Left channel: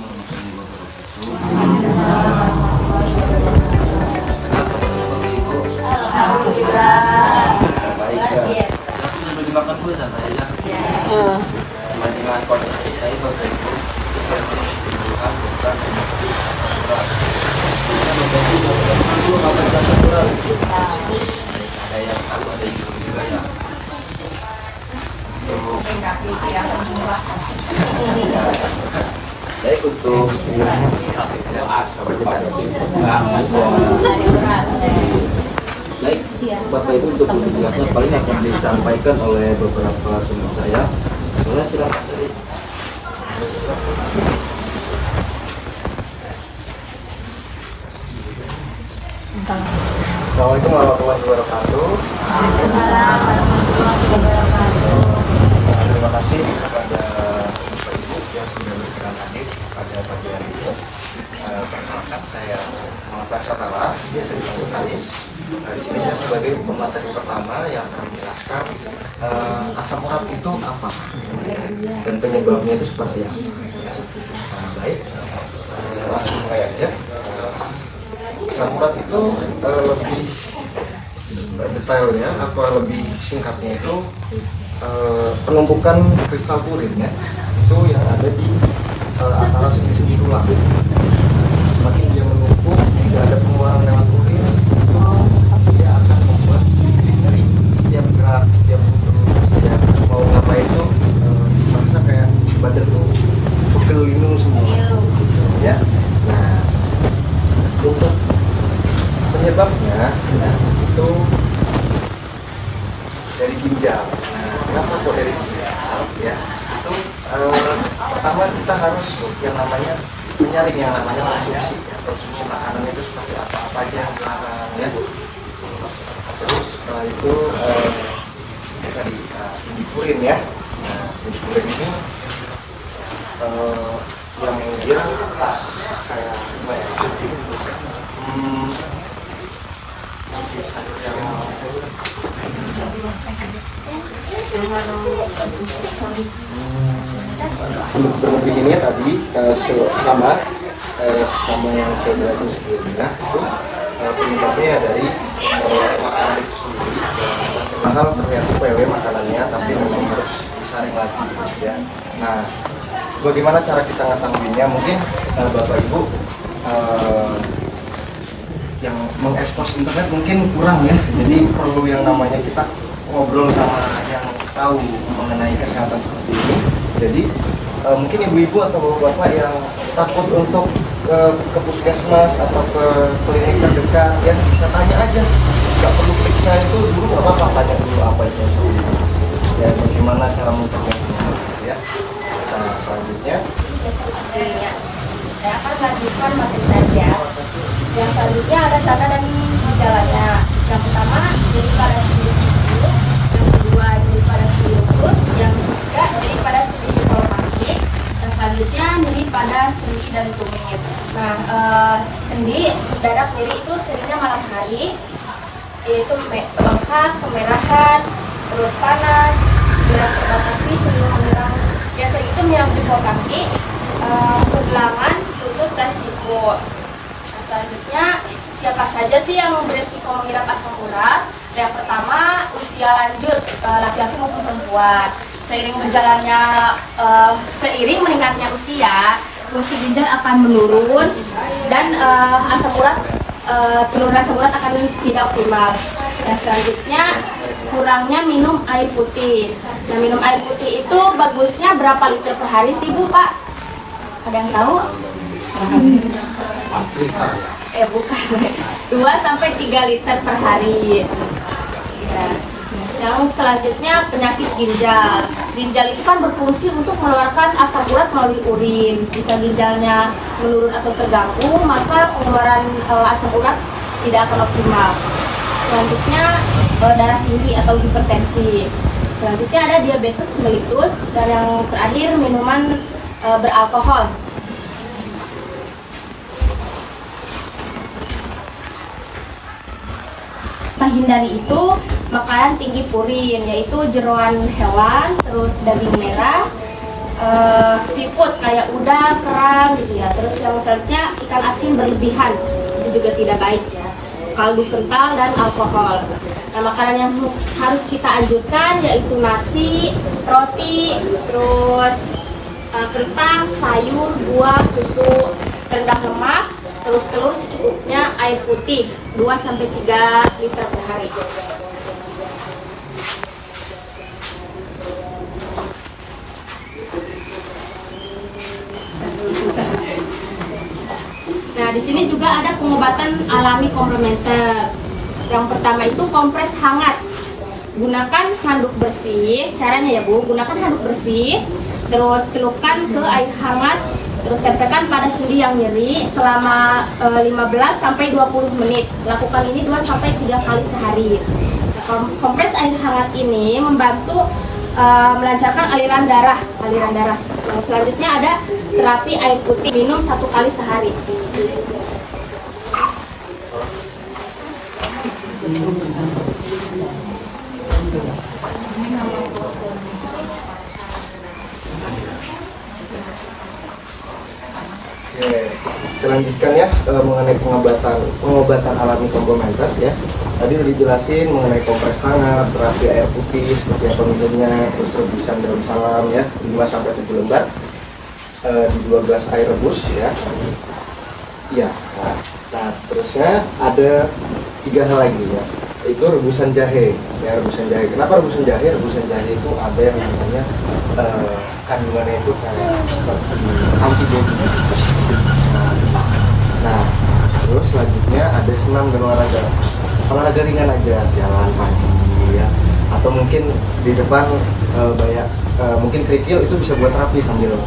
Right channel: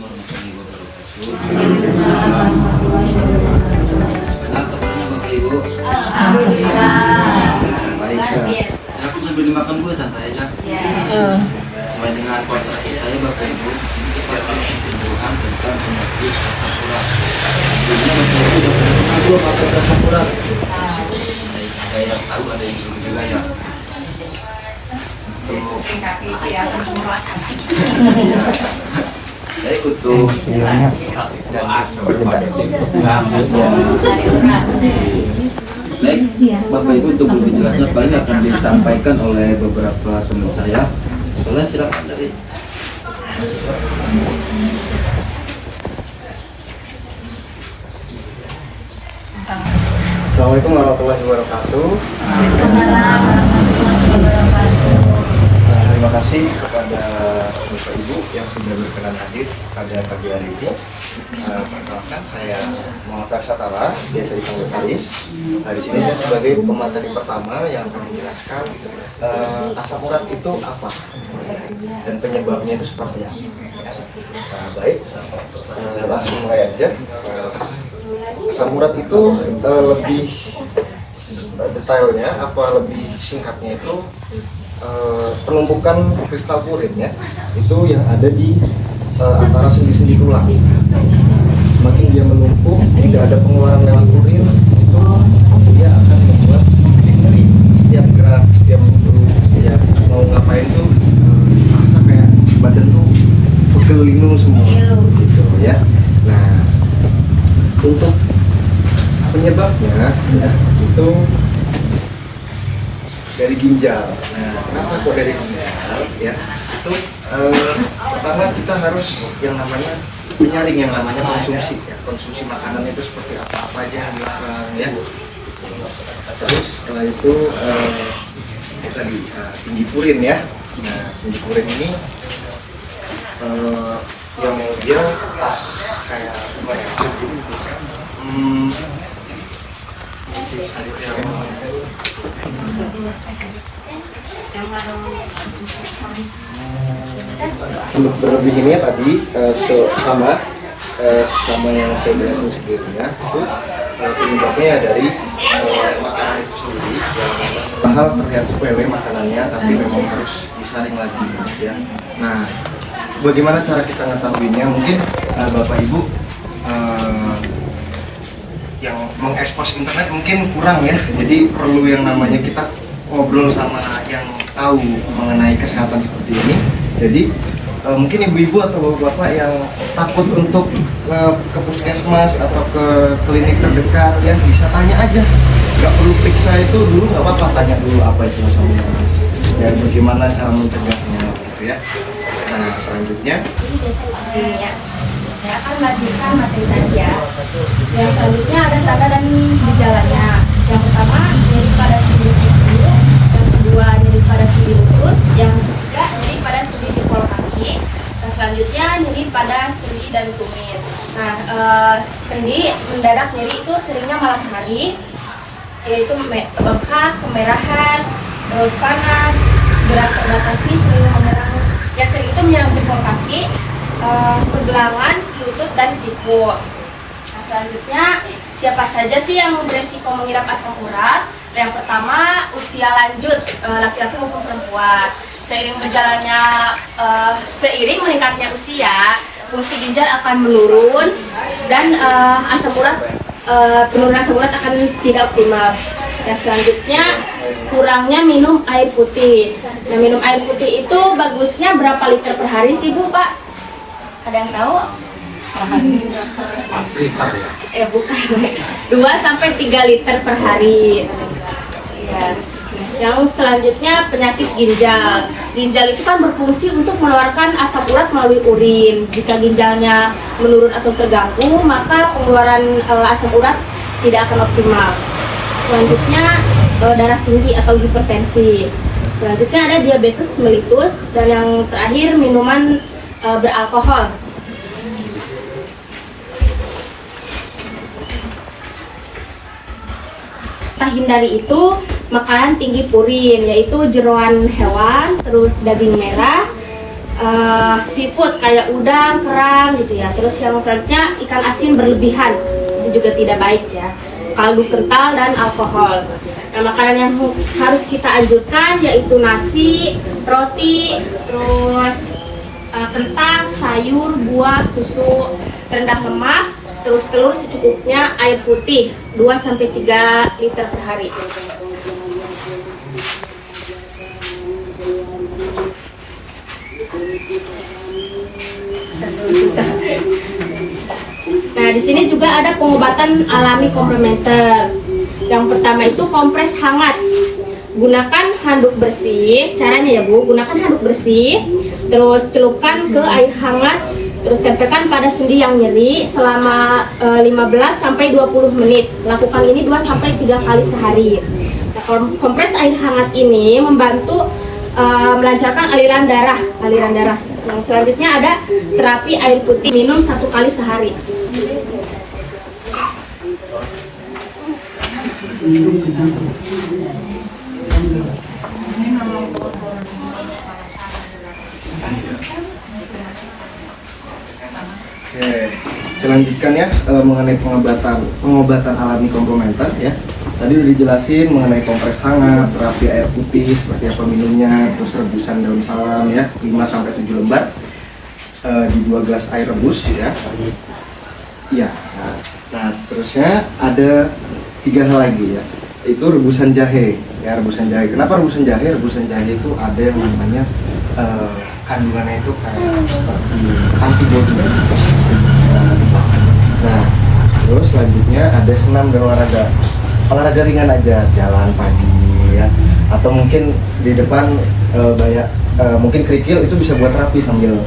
warahmatullahi wabarakatuh. Enak kabarnya Bapak Ibu? Alhamdulillah. Baik. Aku sambil dimakan dulu santai aja. Sesuai dengan koordinasi saya Bapak Ibu, di sini kita akan mengusulkan tentang penyakit asam urat. Sebelumnya Bapak Ibu sudah kenal belum apa itu asam urat? Baik, ada yang tahu, ada yang belum juga ya. Baik, untuk baik, Bapak Ibu, untuk lebih jelasnya paling akan disampaikan oleh beberapa teman saya. Boleh, silakan dari. Assalamualaikum warahmatullahi wabarakatuh. Terima kasih kepada Bapak Ibu yang sudah berkenan hadir pada pagi hari ini. Perkenalkan, saya Muhammad Satara, biasa dipanggil Faris. Di sini saya sebagai pemateri pertama yang akan menjelaskan asam urat itu apa dan penyebabnya itu seperti apa. Baik, langsung mulai aja. Asam urat itu lebih detailnya, apa lebih singkatnya itu penumpukan kristal purin ya, itu yang ada di antara sendi-sendi tulang. Semakin dia menumpuk, tidak ada pengeluaran lewat urin, itu dia akan membuat nyeri. Setiap gerak, setiap mau ngapain itu merasa kayak badan tuh pegel linu semua gitu ya. Nah, untuk penyebabnya itu dari ginjal. Nah, kenapa kok dari ginjal? Ya, itu pertama kita harus yang namanya menyaring yang namanya konsumsi. Ya. Konsumsi makanan itu seperti apa aja yang dilarang ya. Terus setelah itu tadi tinggi purin ya. Nah, tinggi purin ini yang dia kayak apa ya? Berlebih ini tadi sama yang saya jelasin sebelumnya itu penyebabnya dari makanan itu sendiri. Padahal terlihat sepele makanannya, tapi memang harus disaring lagi ya. Nah, bagaimana cara kita ngetahuinya? Mungkin Bapak Ibu yang mengekspos internet mungkin kurang ya, jadi perlu yang namanya kita ngobrol sama yang tahu mengenai kesehatan seperti ini. Jadi mungkin ibu-ibu atau bapak yang takut untuk ke puskesmas atau ke klinik terdekat ya, bisa tanya aja, nggak perlu periksa itu dulu, nggak apa-apa, tanya dulu apa itu asam urat dan bagaimana cara mencegahnya gitu ya. Nah, selanjutnya saya akan lanjutkan materi tadi ya. Yang selanjutnya ada tanda dan gejalanya. Yang pertama nyeri pada sendi-sendi, yang kedua nyeri pada sendi lutut, yang ketiga nyeri pada sendi jempol kaki, dan selanjutnya nyeri pada sendi dan tumit. Nah, sendi mendadak nyeri itu seringnya malam hari, yaitu bengkak, kemerahan, terus panas, gerak terbatasi, sering menyerang. Yang sering itu menyerang jempol kaki, pergelangan, lutut, dan siku. Nah, selanjutnya, siapa saja sih yang beresiko mengidap asam urat? Yang pertama, usia lanjut, laki-laki maupun perempuan. Seiring meningkatnya usia, fungsi ginjal akan menurun dan penurunan asam urat akan tidak optimal. Nah, selanjutnya, kurangnya minum air putih. Nah, minum air putih itu bagusnya berapa liter per hari sih Bu, Pak? Ada yang tahu? Bukan. 2-3 liter per hari. Ya. Yang selanjutnya penyakit ginjal. Ginjal itu kan berfungsi untuk mengeluarkan asam urat melalui urin. Jika ginjalnya menurun atau terganggu, maka pengeluaran asam urat tidak akan optimal. Selanjutnya darah tinggi atau hipertensi. Selanjutnya ada diabetes mellitus, dan yang terakhir minuman beralkohol. Hindari itu makanan tinggi purin, yaitu jeroan hewan, terus daging merah, seafood kayak udang, kerang gitu ya. Terus yang selanjutnya ikan asin berlebihan, itu juga tidak baik ya. Kaldu kental dan alkohol. Nah, makanan yang harus kita anjurkan yaitu nasi, roti, terus kentang, sayur, buah, susu rendah lemak, terus telur secukupnya, air putih 2-3 liter per hari. Nah, di sini juga ada pengobatan alami komplementer. Yang pertama itu kompres hangat. Gunakan handuk bersih. Caranya ya Bu, gunakan handuk bersih, terus celupkan ke air hangat, terus tempelkan pada sendi yang nyeri selama 15-20 menit. Lakukan ini 2-3 kali sehari. Nah, kompres air hangat ini membantu melancarkan aliran darah. Nah, selanjutnya ada terapi air putih, minum 1 kali sehari. Oke, selanjutnya mengenai pengobatan alami komplementer ya. Tadi udah dijelasin mengenai kompres hangat, terapi air putih seperti apa minumnya, terus rebusan daun salam ya 5-7 lembar di 2 gelas air rebus ya. Iya. Nah, seterusnya ada 3 hal lagi ya. Itu rebusan jahe ya, rebusan jahe. Kenapa rebusan jahe? Rebusan jahe itu ada yang namanya kandungannya itu kayak seperti antibodi. Nah, terus selanjutnya ada senam dan olahraga ringan aja, jalan pagi ya, atau mungkin di depan banyak mungkin kerikil, itu bisa buat terapi sambil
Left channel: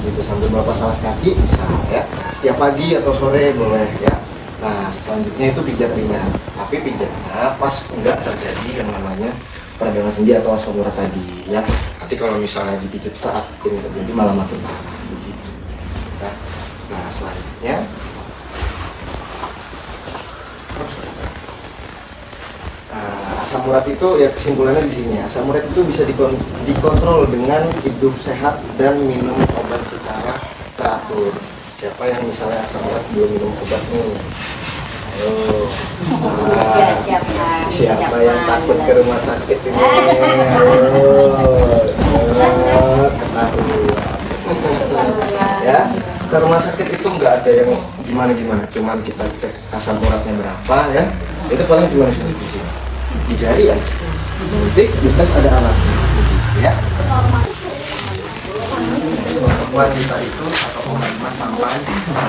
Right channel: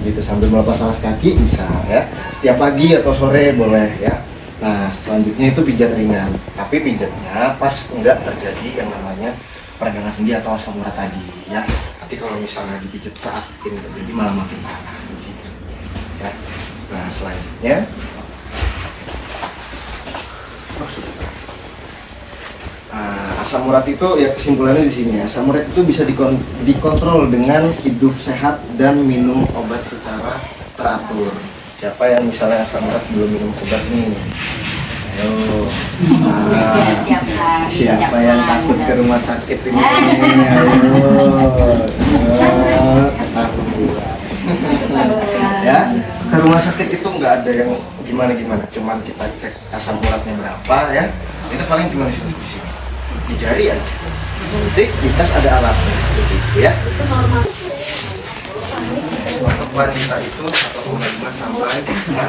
begitu, sambil melepas alas kaki bisa ya, setiap pagi atau sore boleh ya. Nah, selanjutnya itu pijat ringan, tapi pijatnya pas enggak terjadi yang namanya peradangan sendi atau asam urat tadi ya. Nanti kalau misalnya dipijat saat ini terjadi malah makin parah begitu ya. Nah, selanjutnya asam urat itu ya, kesimpulannya di sini, asam urat itu bisa dikontrol dengan hidup sehat dan minum obat secara teratur. Siapa yang misalnya asam urat belum minum obat nih? Ayo. Siapa yang takut ke rumah sakit ini? Ya, ke rumah sakit itu nggak ada yang gimana-gimana, cuman kita cek asam uratnya berapa ya. Itu paling cuma di sini. Di jari aja. Nanti kita ada alatnya, gitu ya. Untuk wanita itu 1,5 sampai 8.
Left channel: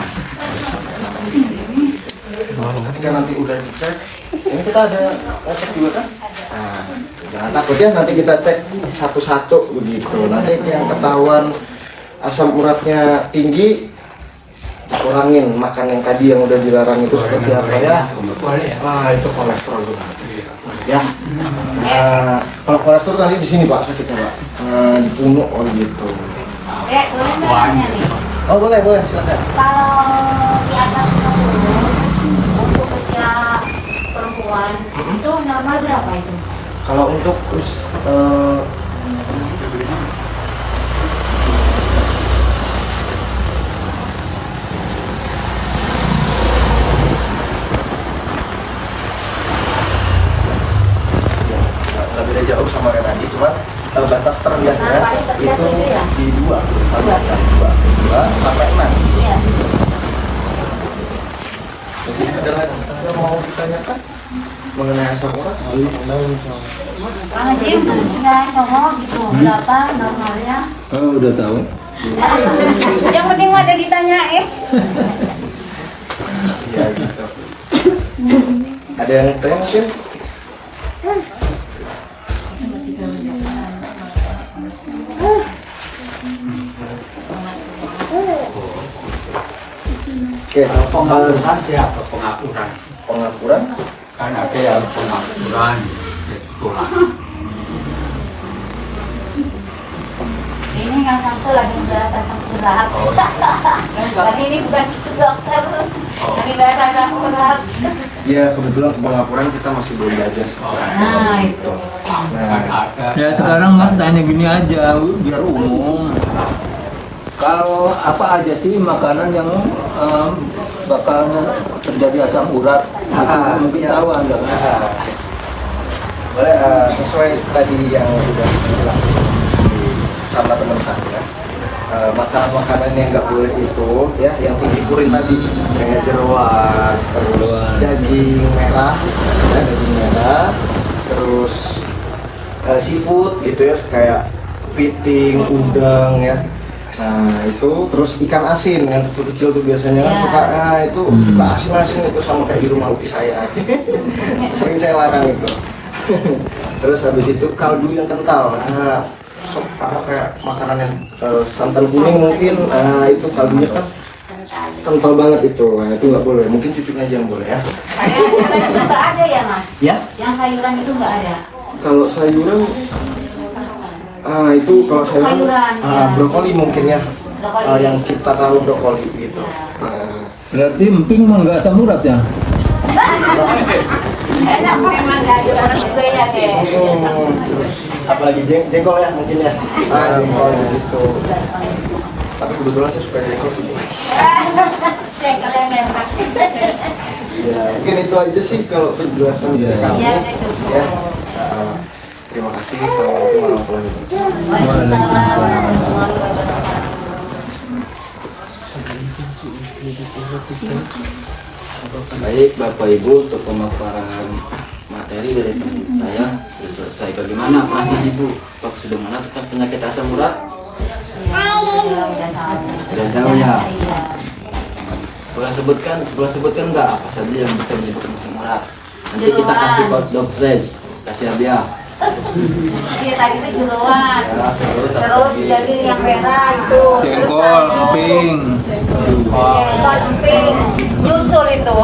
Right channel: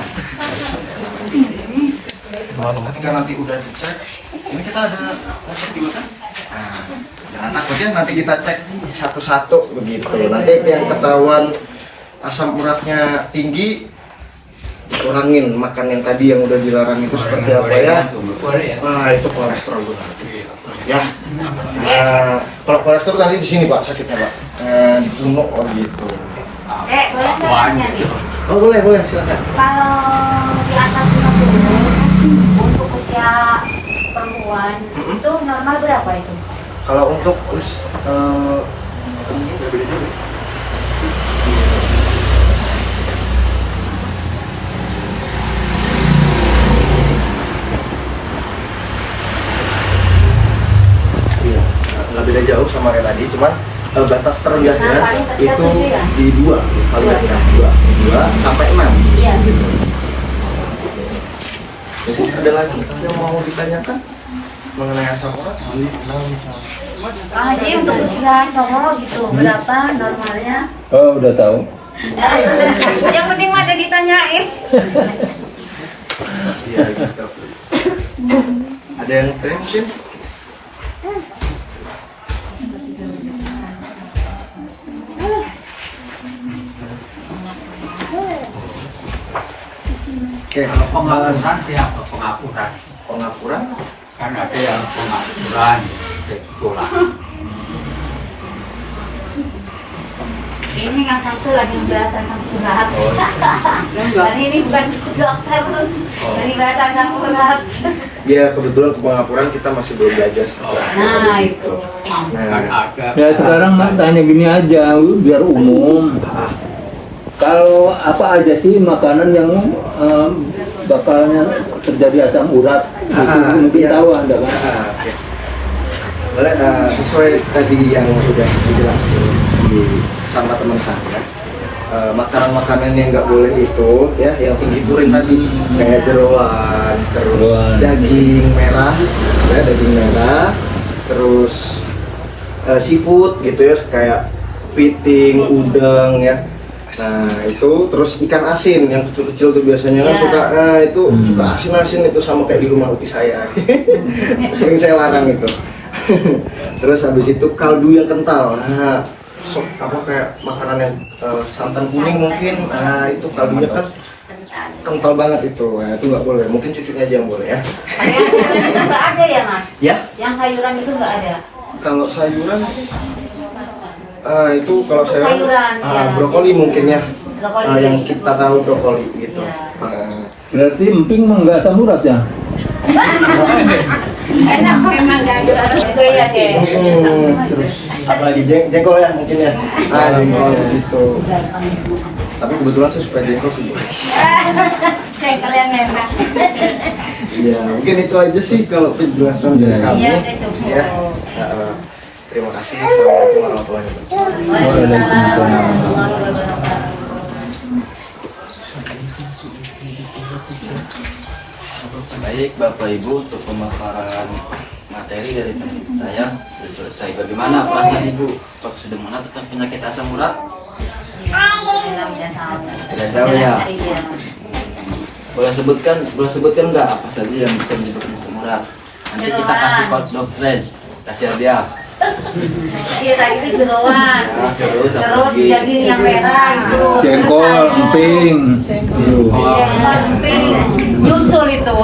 Ketika nanti udah dicek, ini kita ada cek juga kan? Nah, jangan takut ya, nanti kita cek satu-satu begitu. Nanti yang ketahuan asam uratnya tinggi, kurangin makan yang tadi yang udah dilarang itu seperti apa ya? Ah, itu kolesterol juga. Ya. Nah, kalau kolesterol nanti di sini Pak sakitnya Pak. Di punuk gitu. Boleh nggak tanya nih? Oh boleh silakan. Kalau di atas 60 untuk usia perempuan itu normal berapa itu? Kalau untuk iya, nggak beda jauh sama kayak tadi, cuman batas terendahnya itu di 2 sampai 6. Iya. Jadi ada lagi yang mau ditanyakan mengenai asam urat? Jadi untuk usia cowok gitu berapa normalnya? Oh, udah tahu. Yang penting ada ditanyain. Iya gitu. Ada yang tanya mungkin? Oke, Pengakuran siapa? Pengakuran. pengakuran Kan ada yang pengakuran di sekolah. Ini kan satu lagi menjelaskan urat. Hari ini bukan dokter, hari bahasa asam urat. Ya kebetulan ke Pangapuran kita masih belum belajar. Nah itu. Nah, Ya sekarang Mas tanya gini aja biar umum. Kalau apa aja sih makanan yang bakalnya terjadi asam urat? Mungkin iya. tahu Anda kan? Sesuai tadi yang sudah dijelaskan di sama teman saya, makanan-makanan yang nggak boleh itu ya yang tinggi purin tadi kayak jeroan, terus Jeroan. daging merah, ya daging merah, terus seafood gitu ya kayak kepiting, udang ya. Nah itu terus ikan asin yang kecil-kecil tuh biasanya kan Ya. suka, itu suka asin-asin itu sama kayak di rumah uti saya. Sering saya larang itu. Terus habis itu kaldu yang kental, nah apa kayak makanan yang santan kuning mungkin, nah itu kaldunya kan kental banget itu, nah, itu nggak boleh. Mungkin cucunya aja yang boleh ya. Itu nggak ada ya Mas? Ya, Yang sayuran itu nggak ada. kalau sayuran, itu kalau sayuran, Sayuran, ya. brokoli mungkin ya, Brokoli. yang kita tahu brokoli gitu. Berarti emping mah nggak asam urat ya? Enak memang nggak ada itu ya deh. Terus apalagi jengkol ya mungkin ya, jengkol gitu. Tapi kebetulan saya suka jengkol sih. Jengkol yang enak. Ya, mungkin itu aja sih kalau penjelasan dari kami. Iya, saya cukup. Ya. Terima kasih. Assalamualaikum warahmatullahi wabarakatuh. Waalaikumsalam warahmatullahi wabarakatuh. Baik Bapak Ibu, untuk pemaparan materi dari teman saya sudah selesai. Bagaimana perasaan Ibu? Apakah sudah mengenal tentang penyakit asam urat? Sudah tahu ya. Boleh sebutkan nggak apa saja yang bisa menyebabkan asam urat? Nanti kita kasih code dokter, kasih hadiah. Iya tadi itu jeroan. Ya, terus apa Terus lagi? daging yang merah itu. Jengkol, emping. Emping, nyusul itu.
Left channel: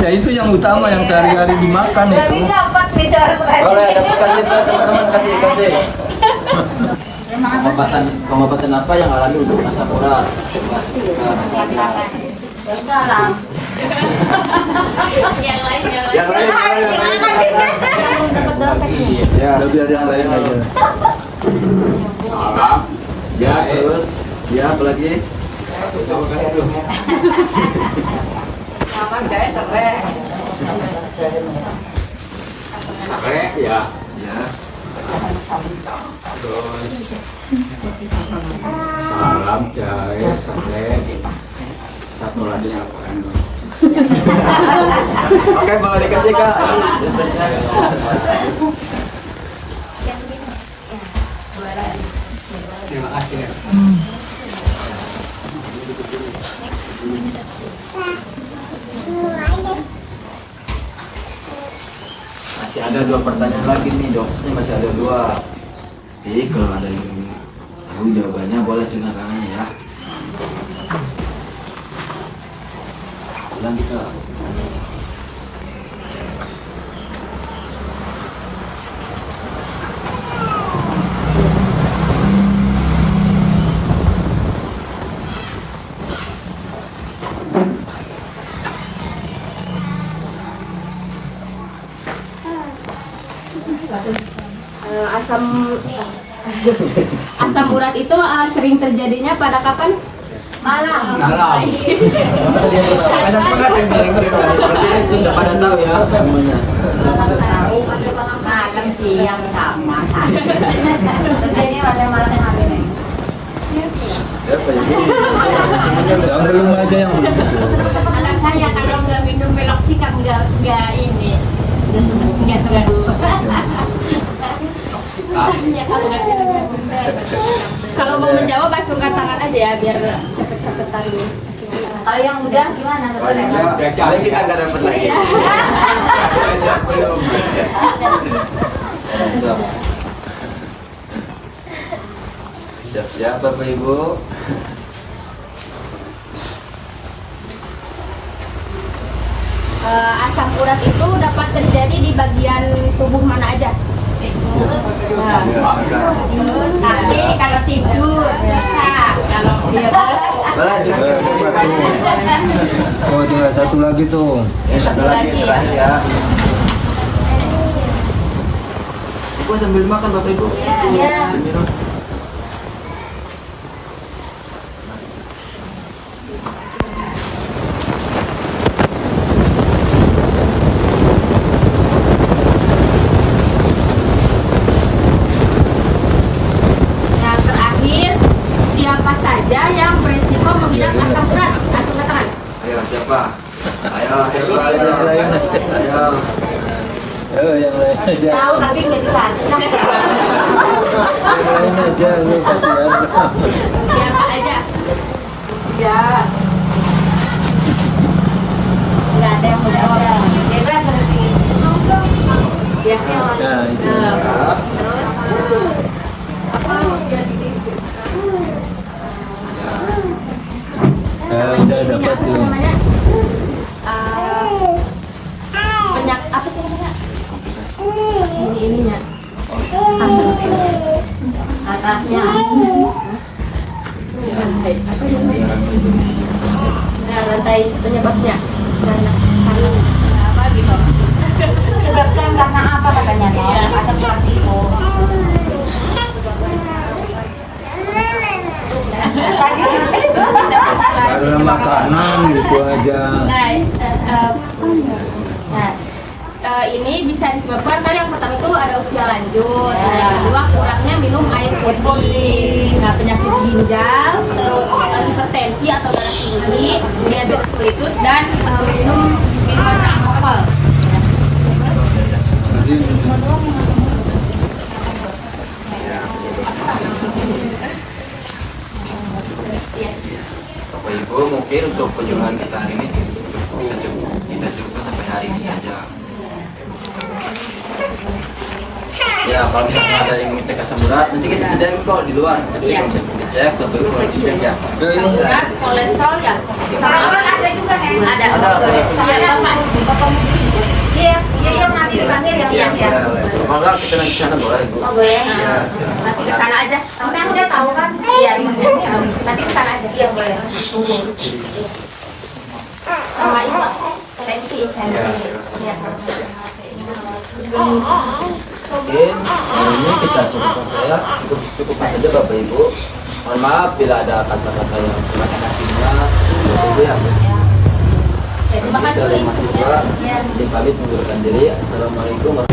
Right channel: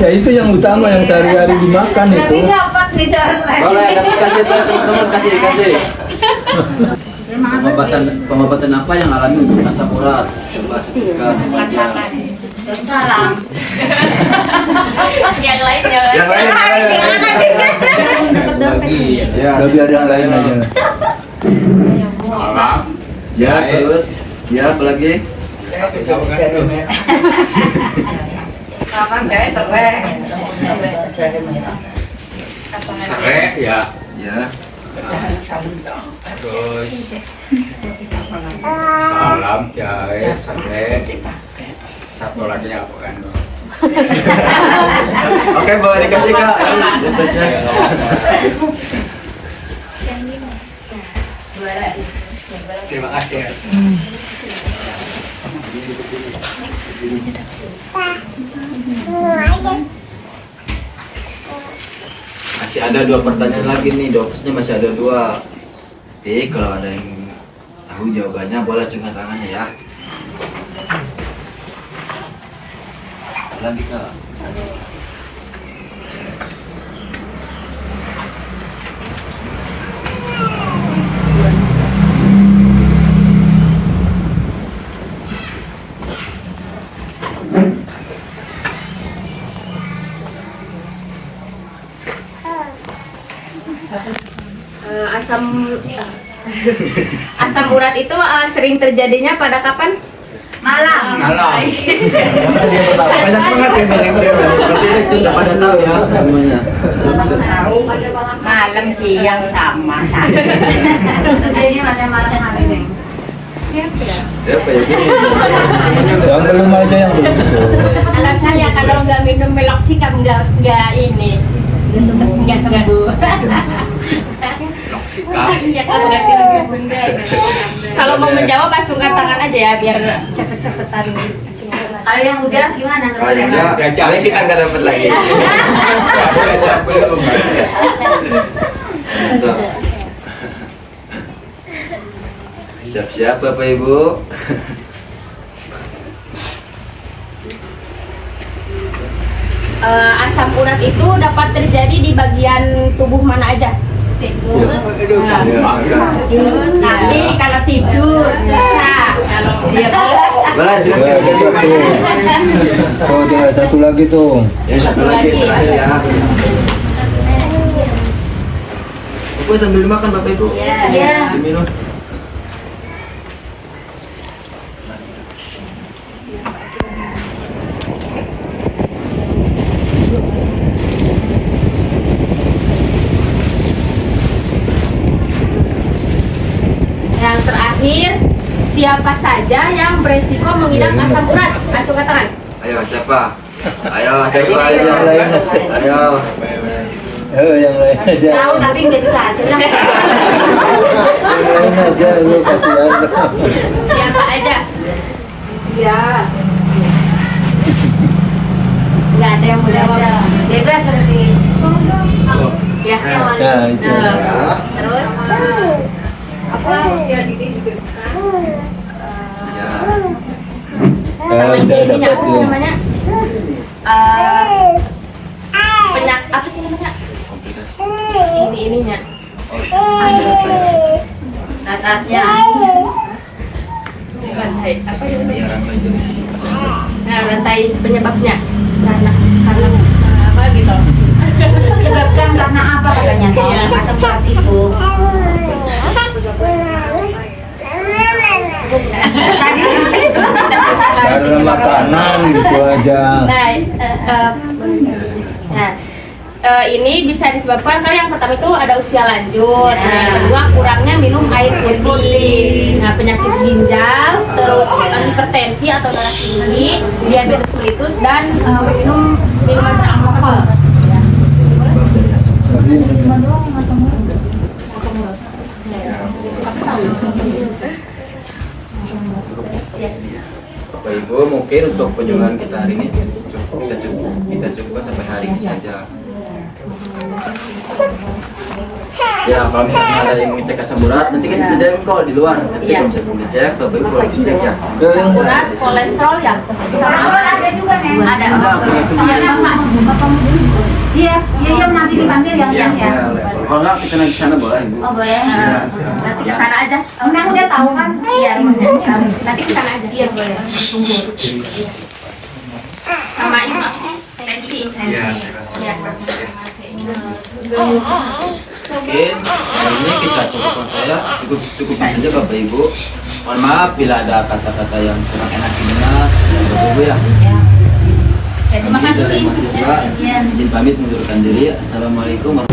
Ya itu yang utama yang sehari-hari dimakan itu. Jadi dapat tidak Boleh, dapat kasih teman-teman, kasih. Pengobatan apa yang alami untuk asam urat? Coba sebutkan. Salam. Yang lain Yang lain. Bagi. Ya, Udah biar yang lain aja. Salam. ya terus. Ya, apa lagi? Sare ya. Ya. Terus salam jahe sare. Satu lagi apa kan? Oke, boleh dikasih Kak. Ini dompetnya. Terima kasih ya. Masih ada 2 pertanyaan lagi nih, dokternya masih ada 2. Jadi kalau ada yang tahu jawabannya boleh angkat tangannya ya. Lagi Kak. Asam urat itu sering terjadinya pada kapan? Malam. Malam. Banyak banget yang dengar. Berarti ini sudah pada tahu ya gimana. Malam siang sama. Berarti ini malam nih. Ya Pak ya. Yang belum aja yang belum. Anak saya kalau nggak minum meloksikan nggak ini nggak sembuh. Ya kalau ngerti lagi bunda. Kalau mau menjawab acungkan tangan aja ya biar cepet-cepetan. Kalau yang udah gimana? Kalau yang enggak, paling kita nggak dapat lagi. Belum. Siap-siap Bapak Ibu. Asam urat itu dapat terjadi di bagian tubuh mana aja? ikut. Nah, Ya, tapi kalau tidur susah. Kalau dia Boleh, ya, silakan. ada satu. Oh, tinggal satu lagi tuh. Ya, satu lagi terakhir ya. Bapak sambil dimakan Bapak Ibu. Iya. Diminum. Yang terakhir, siapa saja yang beresiko mengidap asam urat? Acungkan tangan. Ayo siapa? Ayo siapa? Ayo. Yang lain. Ayo. Yang lain aja. Tahu tapi nggak jelas. Yang lain aja, lu kasihan. Siapa aja? ya. Nggak ada yang menjawab. Jadi jelas seperti ya hewan. Nah, itu. Terus apa usia dikit juga bisa. Ya, Sama udah ini dapat apa sih tuh. namanya? Apa sih namanya? Ininya. Atasnya. Rantai apa ya? Nah, rantai penyebabnya karena apa gitu? Disebabkan karena apa katanya toh? Iya. Asam urat itu. Tadi Karena makanan gitu aja. Ini bisa disebabkan karena yang pertama itu ada usia lanjut, yang kedua kurangnya minum air putih, nah penyakit ginjal, terus hipertensi atau darah tinggi, diabetes mellitus dan minum minuman beralkohol. Jadi Bapak Ibu mungkin untuk kunjungan kita hari ini kita coba sampai hari ini saja. Ya kalau misalnya ada yang mau cek asam urat nanti kan disediakan kok di luar. Nanti Iya. kalau misalnya mau dicek, Bapak Ibu kalau dicek ya. Asam urat, kolesterol ya, sama ada juga nih. Ada. Iya, Bapak. Iya, nanti dipanggil ya. Iya, ya. Kalau enggak kita naik ke sana boleh Ibu. Oh boleh. Nanti ke sana aja. Nanti udah tahu kan? Iya, nanti ke sana aja. Iya boleh. Sama itu apa sih? Tensi. Iya. Mungkin hari ini kita cukupkan saya cukupkan saja Bapak Ibu. Mohon maaf bila ada kata-kata yang kurang enak didengar Bapak Ibu ya. Terima Kami kasih. dari mahasiswa izin pamit mengundurkan diri. Assalamualaikum warahmatullahi wabarakatuh.